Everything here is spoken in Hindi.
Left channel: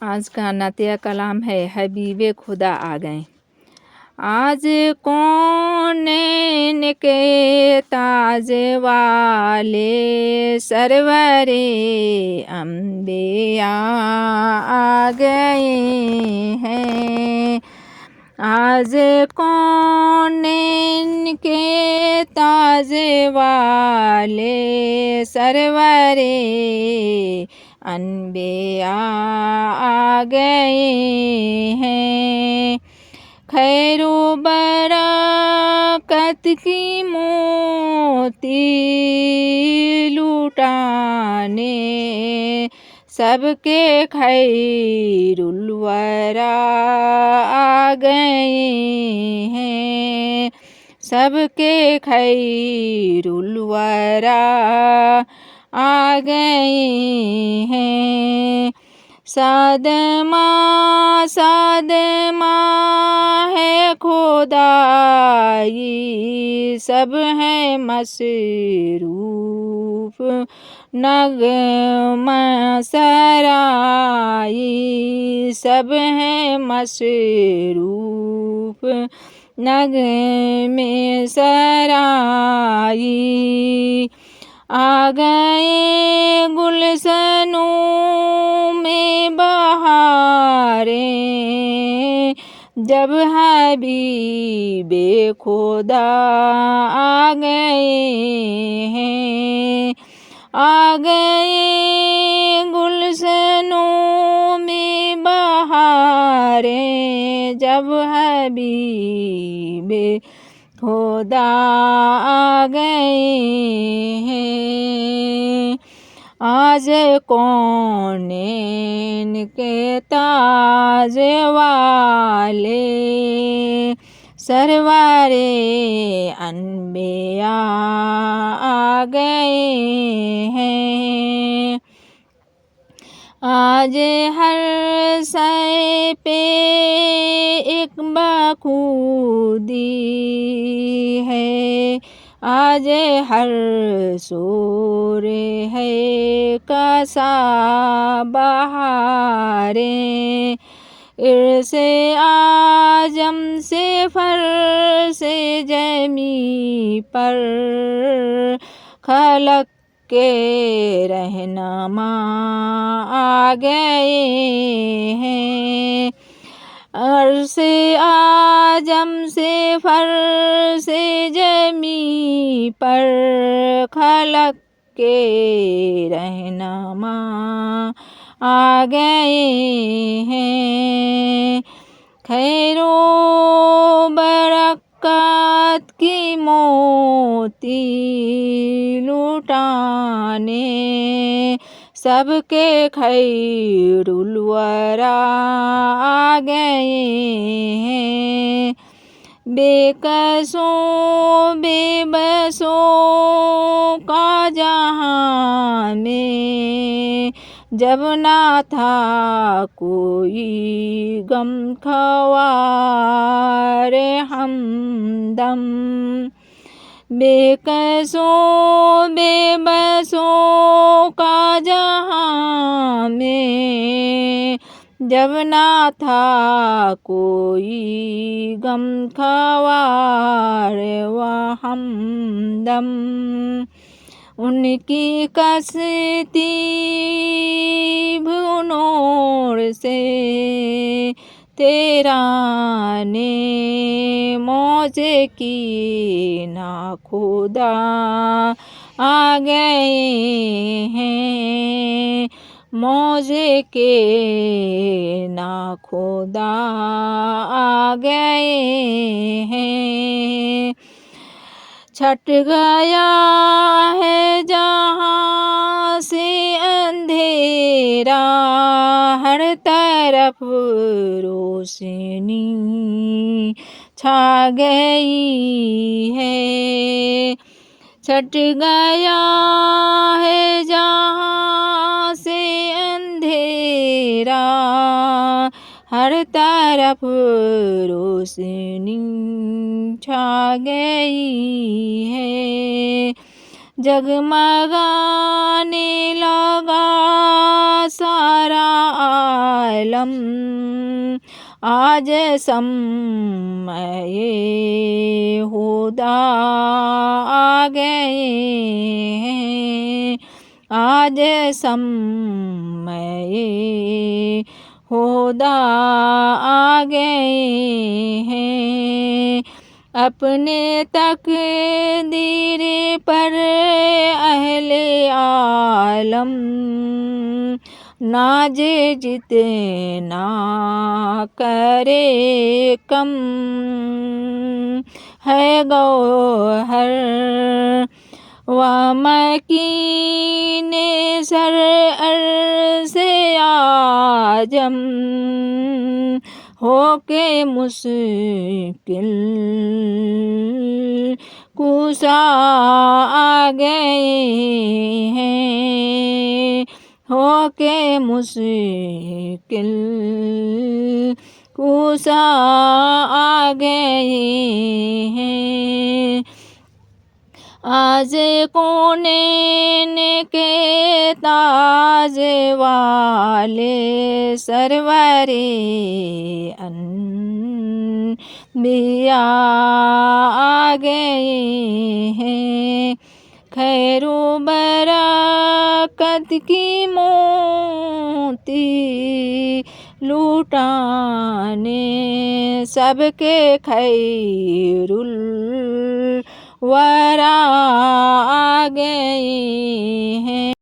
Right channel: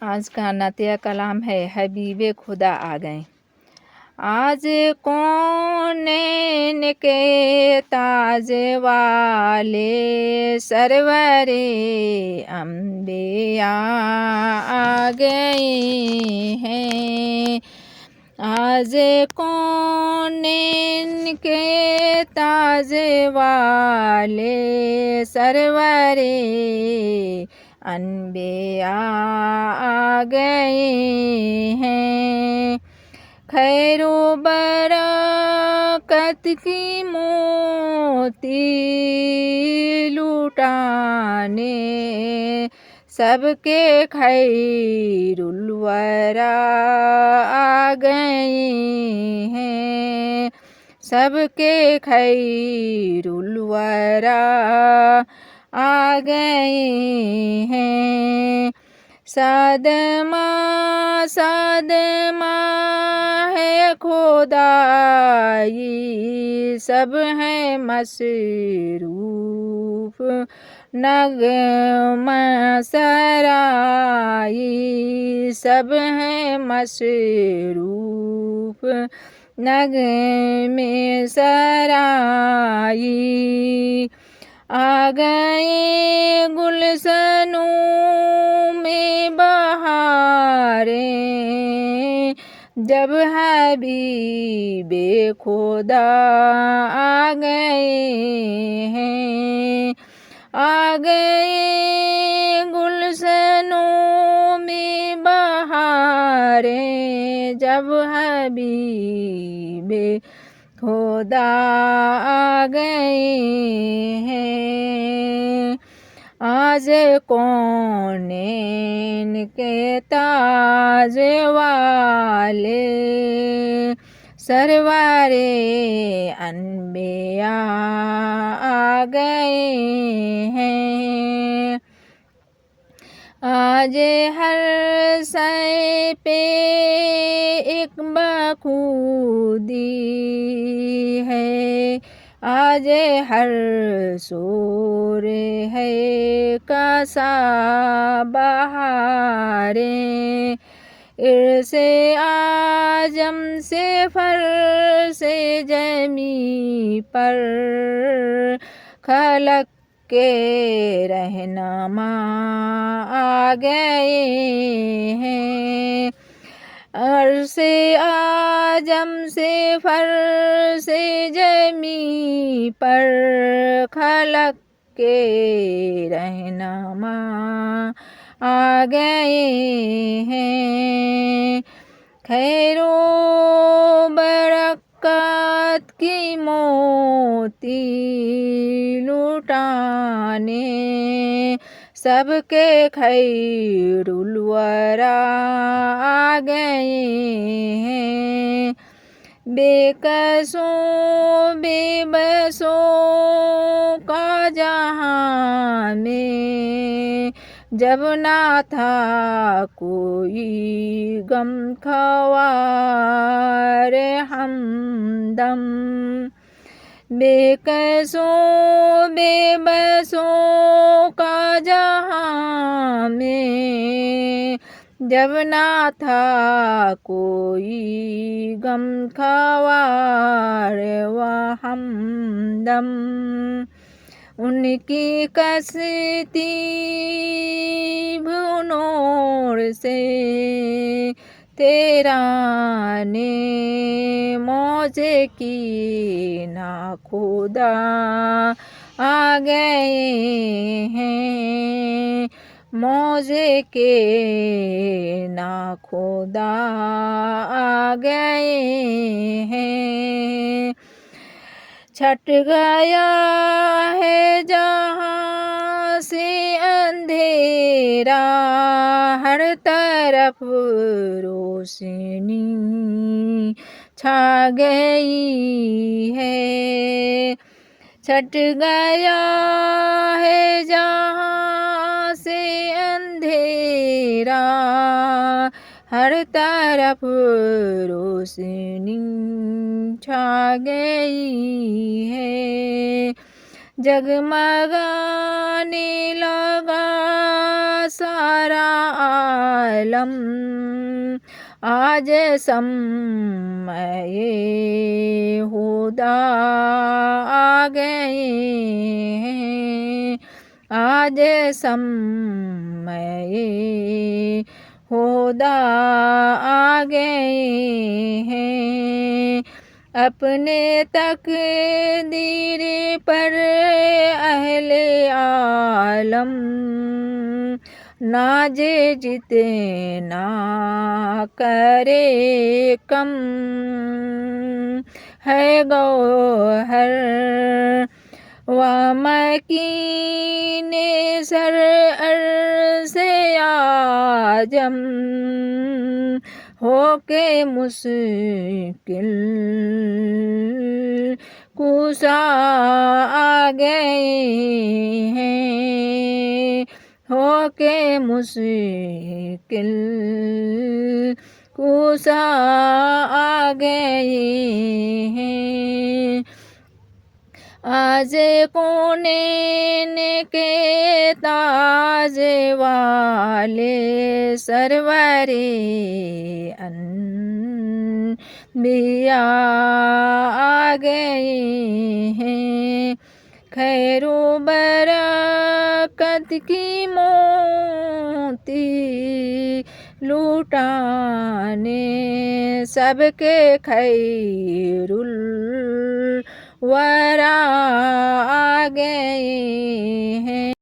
आज का नातिया कलाम है हबीबे खुदा आ गए। आज कौन के ताज वाले सरवरे अम्बिया आ गए हैं। आज कौन के ताज वाले सरवरे अम्बिया आ गए हैं। खैरो बरकत की मोती लुटाने सबके खैरुल वरा आ गए हैं। सबके खैरुल वरा आ गए हैं। सादमा सादमा है खुदाई सब है मसरूफ नगमा सराई सब है मसरूफ नगमे सराई। आ गए गुलशनों में बहारें जब हबीबे खुदा आ गए हैं। आ गए गुलशनों में बहारें जब हबीबे खुदा आ गए हैं। आज कौन के ताज वाले सरवरे अम्बिया आ गए हैं। आज हर सै पे एक बखूदी है। आज हर सोर है कसा बहारे इर्से आजम से फर से जमी पर खलक के रहनुमा आ गए हैं। अरसे आजम से फर से जमी पर खलक के रहनुमा आ गए हैं। खैरो बरकत की मोती लुटाने सबके खैरुल वरा आ गए हैं। बेकसों बेबसों का जहां में जब ना था कोई गम ख्वार हमदम। बेकसों बेबसों का जहां में जब ना था कोई गम ख्वार व हमदम। उनकी कश्ती भुनोर से तेरा ने मौजे की ना खुदा आ गए हैं। मौजे के ना खुदा आ गए हैं। छट गया है जहाँ से अंधेरा हर तरफ रोशनी छा गई है। छट गया है जहाँ से अंधेरा हर तरफ रोशनी छा गई है। जगमगाने लगा सारा आलम आज समय हुदा आ गए हैं आज समय हुदा आ गए हैं अपने तकदीर पर अहले आलम नाज जितना करे कम है गौहर व मकीने सर अर्ज़े आजम होके मुश्किल कुशा आ गए हैं होके मुश्किल कुशा आ गए हैं आज कौनैन के ताज वाले सरवरे अनबिया आ गए हैं खैरो बरकत की मोती लूटाने सबके खैरुल वरा आ गए हैं।